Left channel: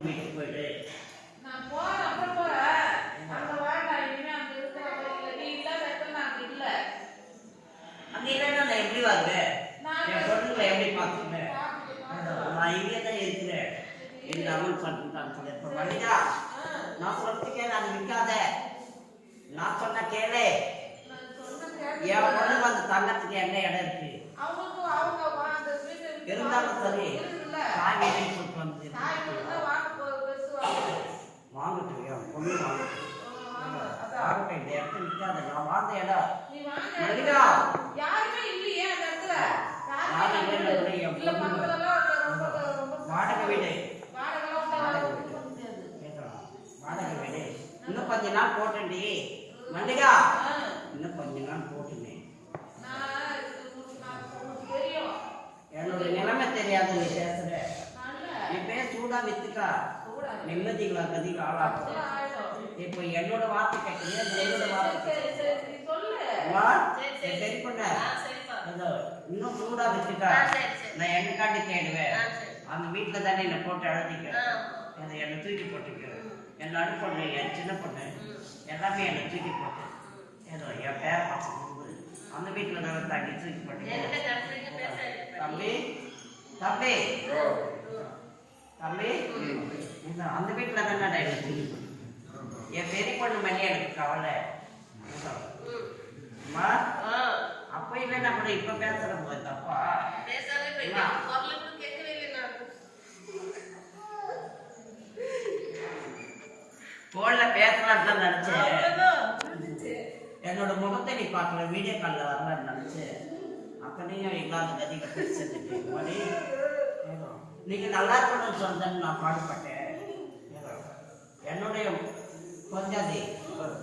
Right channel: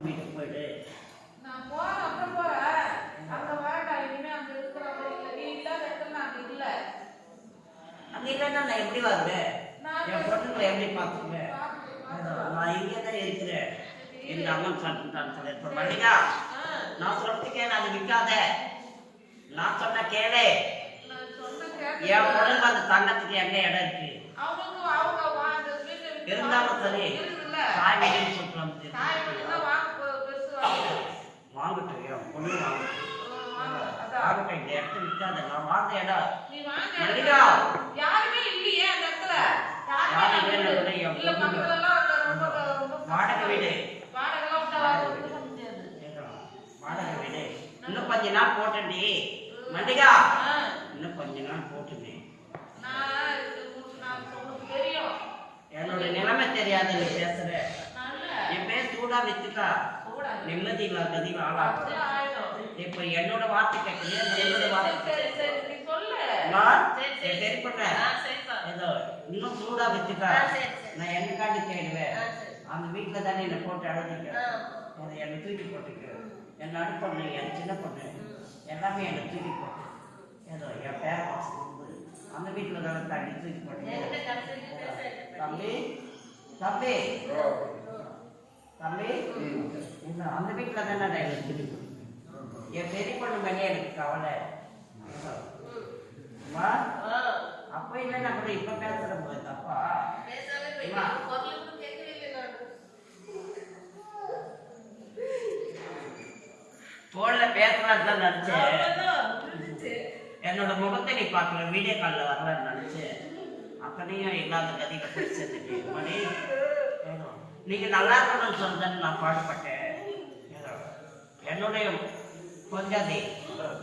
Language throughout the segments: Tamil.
நான் போறேன் அப்புறம் போறேன். அங்க வேண்டாம் இனிமே அங்க இருக்கிற மாதிரி இல்ல நீ இல்லாத இடத்துல நான் அங்க இல்ல. அங்கே இல்லைன்னா நான் எப்படி வருவேன் நான் என் பொண்ணுங்களை எப்படி பார்த்துக்குவேன். நான் இங்கே தான் இருக்கிறேன். இந்த அம்மன் பண்ணிட்டான்னு சொல்லி இப்போ மல்லிகா நான் சொல்றது கேளு அது விற்காத நான் சொன்ன கேளு. நான் என் பொண்ணுக்கு அந்த தங்கத்துக்கு எங்க இடம் இருக்கு? இருந்தாலும் சரி. தாய் வீடுன்னு சொல்லிட்டு வந்து வாங்கட்டும் என் பொண்ணு வாங்கட்டும் வாங்க அதான். வாங்கட்டும் இந்த இடத்த விற்காத நான் வாழ்ந்த இடம் நீ வாங்க. மல்லிகா. யாருமே இல்லையே அந்த இடத்துல. யாருமே யாரும் இல்ல. பக்கத்துல எல்லாம் ரொம்ப வாடகை வீடு. முடியாது. வாடகை வீடு. இன்னும் கொஞ்ச நாள் போட்டேன்டி மல்லிகா. இன்னும் கொஞ்ச நாள் போட்டுமே நான் இது உனக்கு நான் உனக்கு தெரியும் என்னோட நிலைமை தெரியாத நீ பேசுற. என் பேர் சூடா வித்துக்கா. நிம்மதி இல்ல கதிகள் ஆளாகும் இப்ப என்னோட வார்த்தை கேட்குது என்னோட வார்த்தை சரி பண்ண. ஏதோ இன்னும் சூடா சரி. நான் என்னக்காண்டி தேடுவேன்? ஆ, சரி. அந்த வீட்டுல தானே என்னை போட்டு அழுதிக்க. அதை என்னை தூக்கி போட்டுக்க. என் நடு பொண்ணு என் சின்ன பொண்ணு. எல்லாமே என்னை தூக்கி போட்டு. ஏதோ என் பேர வந்து அந்த வீட்டுல தானே தண்ணி தூக்கி போட்டு. தம்பி தம்பி தம்பி இந்த அந்த வீட்டுல தானே போட்டு என் பெரிய பொண்ணு மேலே எனக்கு கவலை. அம்மா அப்ப இல்லைன்னா கூட இப்ப பேசுற போது தப்பா பேசாம போய் அம்மா. குரல் கூட கேட்கவே இல்லை நான். போன்ல பேசலாம்னு தான் நினைச்சேன். என்னோட முகத்தை நீ பார்க்கல வீடியோ காலில் வரலான்னு நினைச்சேன் அப்பனையும் இல்லாத கதியில போய் மணி நீங்க நல்லா இருக்கணும்னு சொல்லுன்னு நான் பாடுபட்டேன். ஏதோ என்னுடைய கொஞ்சாதி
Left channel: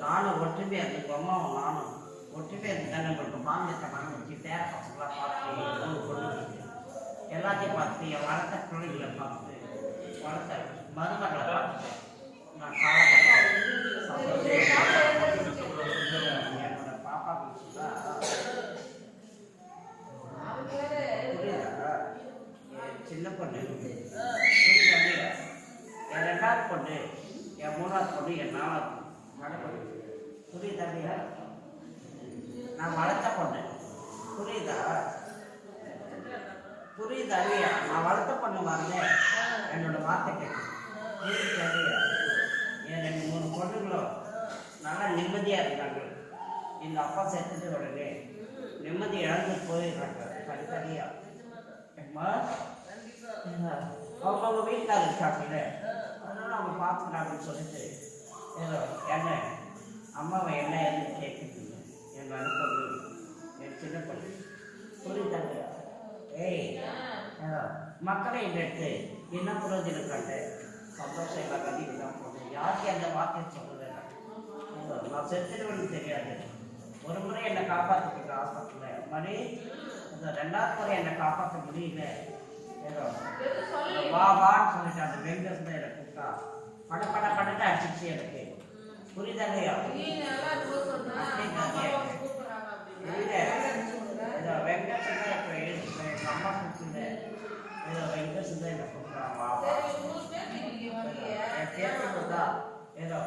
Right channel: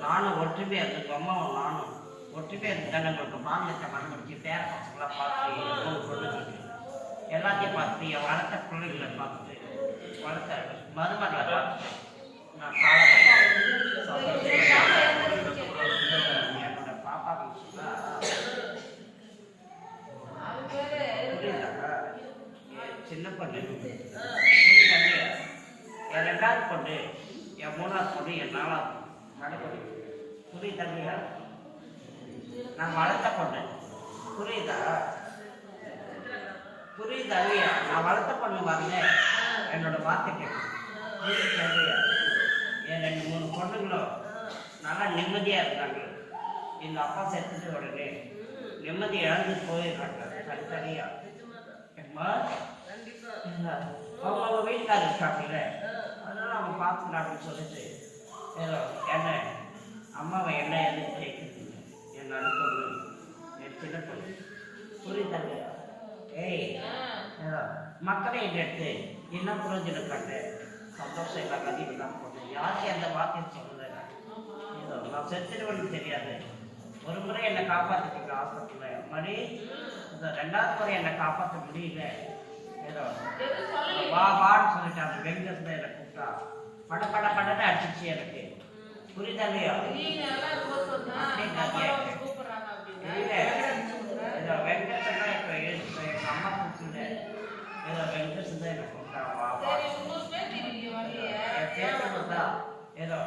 நானும் ஒற்றுமையா இருந்து அம்மாவும் நானும் ஒற்றுமையா இருந்து தானே மாநிலத்தை மனம் முடிச்சு பேர பசங்களாம் பார்த்து பொண்ணுங்களுக்கு எல்லாத்தையும் பார்த்து என் வளர்த்த பிள்ளைங்களை பார்த்து வளர்த்த மருமகளை பார்த்து நான் காலப்பட்டேன் என்னோட பாப்பாவுக்கு சொன்னா அது பேரு புரியுதா? என் சின்ன பொண்ணு புரியுதா இல்லையா? என் ரெண்டாவது பொண்ணு என் மூணாவது பொண்ணு என் நாலாவது பொண்ணு. நடுப்பொண்ணு புரியுதா இல்லையா? நான் வளர்த்த பொண்ணு. புரியுதா? புரியுதா இல்லையா? நான் வளர்த்த பொண்ணு வரல என்னோட வார்த்தை கேட்கும். புரியுதா இல்லையா? என் ரெண்டு மூணு பொண்ணுங்களும் நல்லா நிம்மதியா இருக்காங்க. எங்க அப்பா செத்துட்டு உடனே நிம்மதி இழந்து போயிடுறாங்க. தனித்தனியா. அம்மா அவங்க வீட்டுக்காரர் இருக்காங்கல்ல. நம்ம பார்த்துக்கலாம் அப்படின்னு சொல்லிட்டு ஏதோ என்ன? அம்மாவை என்ன எதுவும் கேட்குறீங்க என் நடுப்பொண்ணு என் சின்ன பொண்ணு புரியுதாங்க ஏய் ஏதோ மக்களை எடுத்து என்ன புரோஜனம் கண்டு சந்தோஷம் இல்லை கதிவு தான் போட்டேன் யாருக்கு அந்த வாக்கியம் சொல்லலை ஏதோ நான் செத்துடுவேன்னு தெரியாது. ஒரு முறை என்னை காப்பாற்றிட்டீங்க ஆஸ்பத்திரியில் மணி இந்த ரெண்டாவது முறை என்னை காப்பாற்ற முடியல. வா வான்னு சொல்லிட்டு அந்த தான் என்னை கூப்பிட்டா பட பட படன்னு அடிச்சிச்சு எனக்கு. புரியுதா அப்படின்னு. இல்ல. வெங்கஸ் தான் இப்போ எங்கள் அம்மா கூப்பிட்டு ஏதோ வெங்கஸ் தான் என்னை கூப்பிட்டா வா. என் ஏதோ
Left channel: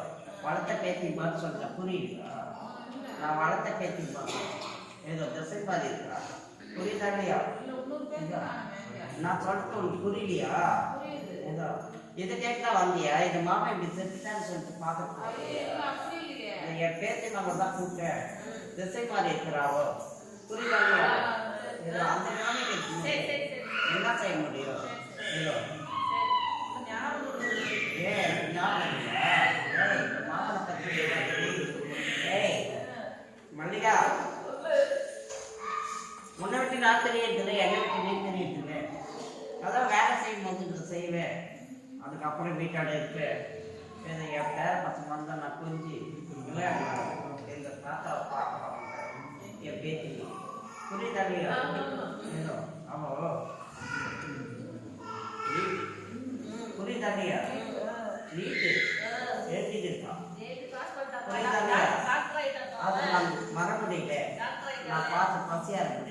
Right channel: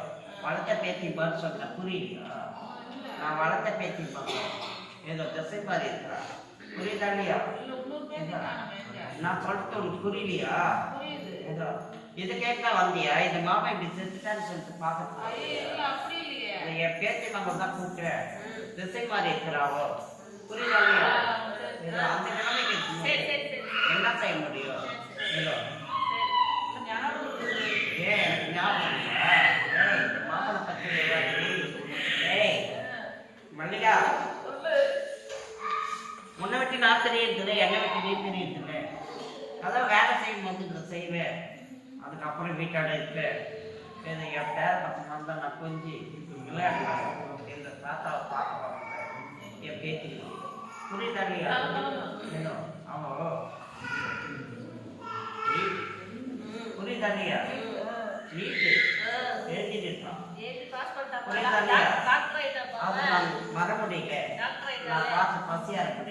வளர்த்த பேத்தி பதில் சொன்ன புரியலையா? நான் வளர்த்த பேத்தி பார்த்தேன் ஏதோ திசை பாதி இருக்கா? புரியுதா இல்லையா? இல்ல? நான் சொல்லிட்டு உனக்கு புரியலையா. ஏதோ இது கேட்கலாம் வந்தியா? இந்த மாமா இப்படி செத்துட்டான்னு சொல்லிட்டு இல்ல, இல்லையே. என் பேத்தி மகள் தான் கூப்பிட்டேன் திசை மாறி இருக்கிறாவோ? ஏதோ அந்த நிலைமைக்கு. என்ன செய்ய முடியும்? ஏதோ சரி. ஞாபகம் இந்த மாமனை பத்தி? ஏய் மல்லிகா. உன்னை விட்டு நான் தெரியறதில்லை என்னை விட்டு நீ தெரியறதில்லை அதான் வேலை செய்யும் போது இதை செய்வேன் அதுக்கப்புறம் வீட்டாட இருப்பேன் இது என் பேர பசங்க வந்தால் நான் கொஞ்சி விளையாடுவேன் இந்த தாத்தாவை பார்க்கலாம் என் பேத்தி. புரியுதா இல்லையா? ஏதோ அவோ புரியுதா இல்லையா? நீட்டு. எழுதிட்டு இருக்கான் ஏழு பாஸ் பண்ணிட்டாப்பா. புரியுதா டாக்டர் இல்லையா? டாக்டர் ஆயிட்டாப்பா. அது அவன். நான் வர முடியல. நான். பார்த்து பசியா இருக்க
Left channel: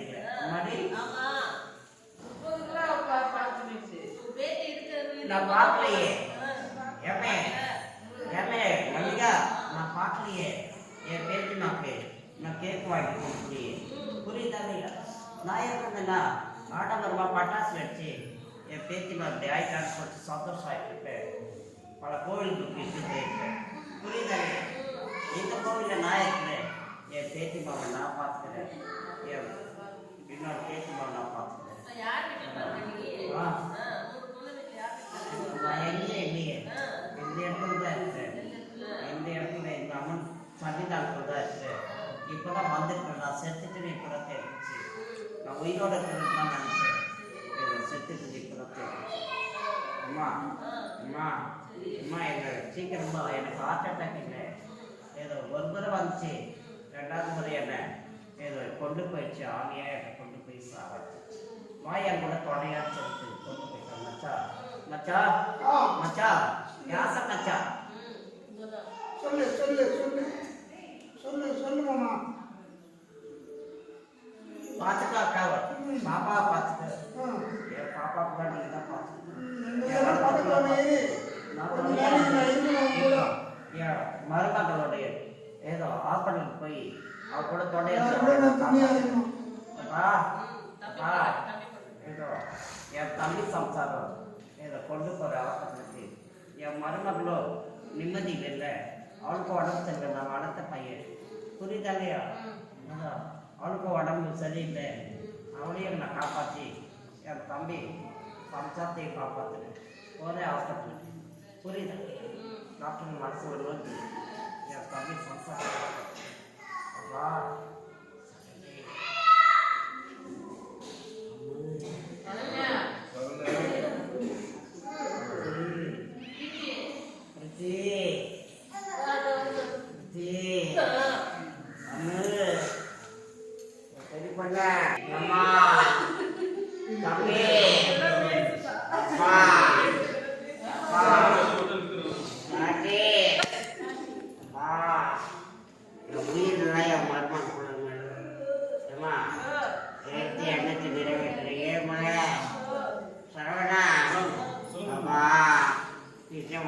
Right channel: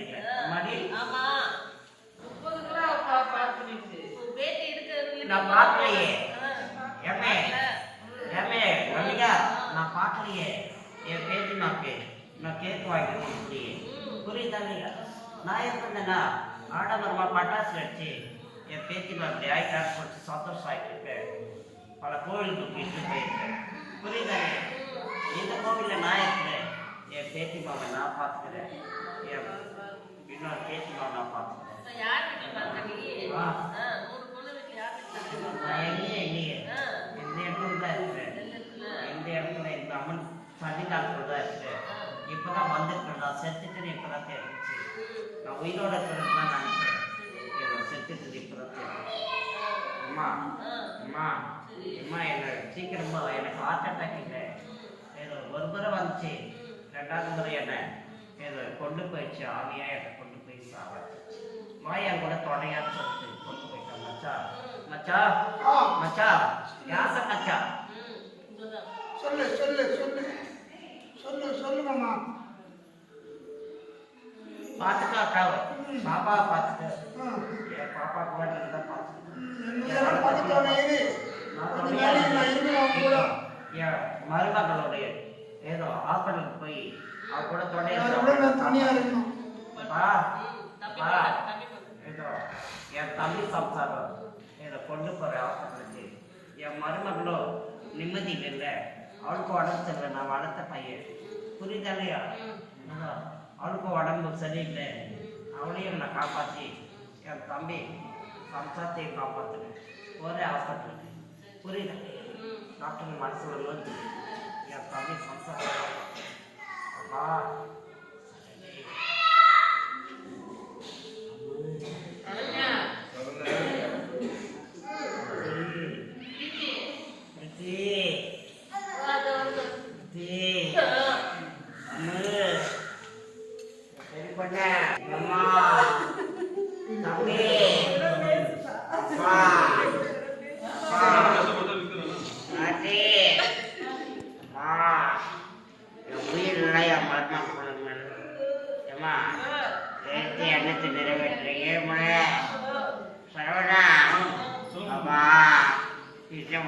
நான் பார்க்கலையே ஏமே ஏமே மல்லிகா நான் பார்க்கலையே என் பேத்திமாக்கு நான் கேக் வாங்கி கொடுக்கலையே புரியுதா இல்லையா நான் இருந்தேன்னா ஆடம்பரமாக பட்டாசு வச்சு என் பேத்திமா அப்படி ஆயிட்டான்னு சொல்லிட்டு சந்தோஷம் ஆகிட்டு பல கோவிலுக்கு இட்டு போயிருக்கேன் புரியுதா இந்த கோவிலில் நான் இருக்கிறேன் என் பேத்திமாவை நான் பார்த்துக்கிறேன் என் இன்னொரு பேத்திமாவை நான் பார்த்துக்கிறேன் எங்கேயும் இல்லையே ஆ. இந்த இடத்துல தான் இருக்கிறேன் எந்த இடத்துல? இந்த அம்மன் சன்னிதானத்துல தான் இருக்கிறேன் இப்பதான் வந்திருக்கேன் நான் செத்துட்டுன்னு இப்பதான் தெரிஞ்சிச்சு. நான் உயிரோட இருக்கிறது தான் நினைச்சேன். இவன் செத்துட்டு இப்பதான் தெரிஞ்சிச்சு. அம்மா அம்மா அம்மா என்ன சீக்கிரமா எனக்கு ஹார்ட் அட்டாக் இல்லை. ஏதோ ஒரு முறை வந்துச்சு. ரெண்டாவது முறை என்ன? ஏதோ கொண்டு போயிடுச்சு. ஆவியா என்னை கொண்டு போய் சாவச்சு மாயன் கூட தொடையான்னு சொல்லிட்டு கொண்டு போயிட்டான் மச்சா மச்சா மச்சா யாச மச்சா. சொல்லு சொல்லு சொல்லு. சொல்லு சொல்லு மாமா. பார்த்துக்கா அக்காவை பாப்பாவை பார்த்துக்க ஆ. என் பாப்பா கூட நீங்க தான் கூட. என் மருமகளுடைய ஏதோ ஹாஸ்பிட்டலுக்கு போய் அவ கூட தொடையா தனியா இருக்கணும். ஏதோ என் தம்பி சம்சாரம். ஏதோ கொண்டு போற ஹாஸ்பிட்டலுக்கு என் மருமகளோ நிம்மதி இல்லை அவளுக்கு உடம்பு சரியில்லை நான் வளர்த்த பையன். புரியுதா இல்லையா? ஏதோ அவளுக்கு உடம்பு சரியில்லை. அவளையும் நான் காப்பாற்றி என் தம்பி சம்சாரத்தையும் காப்பாற்றுனேன் ஒரே ஹாஸ்பிட்டலுக்கு புரியுதா இல்லையா? ம். டாக்டர் மனசு வருவது என் தம்பி சம்சாரத்தை காப்பாற்றேன் அப்பா சரி. ரம்யா, பிரித்தி, அது வந்து, பிரித்தி, ஆ, அம்மு, சரி பண்ண, அம்மா, தம்பி, அப்பா, அப்பா, பாட்டி, அப்பா, என் உயிர் இல்லை என் மருமக்கள் மேல. ஏம்மா, நேத்து எண்ணத்தை நிறைவேற்றுறீங்க மழை சரவணா அப்பா நிச்சயம்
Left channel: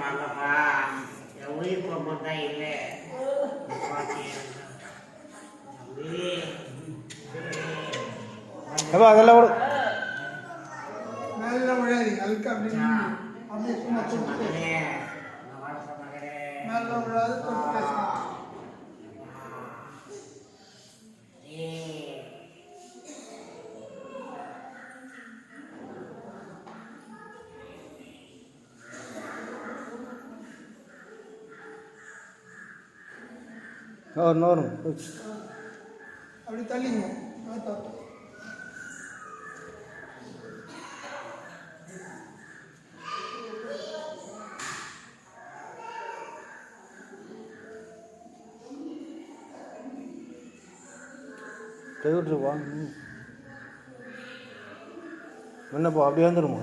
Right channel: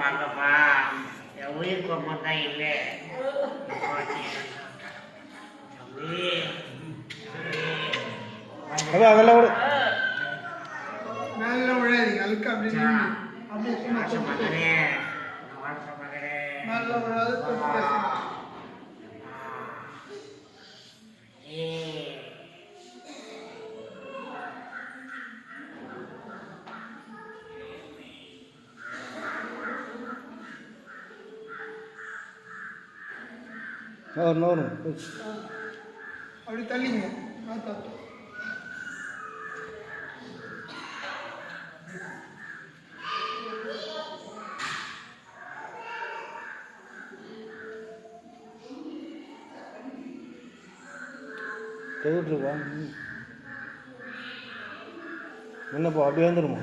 வாங்கப்பா என் உயிர் பொம்மை தான் இல்லை தம்பி தம்பி அப்பா அதெல்லாம் கூட மேல விழாதீங்க அழுக்க அப்படி நின்னு. அப்படியே சும்மா. மகனே மேல விழாது தொட்டு அப்படி தள்ளிங்க பார்த்தா கை விட்டுருப்பா ம். என்னப்பா அப்படியே வந்துடுமா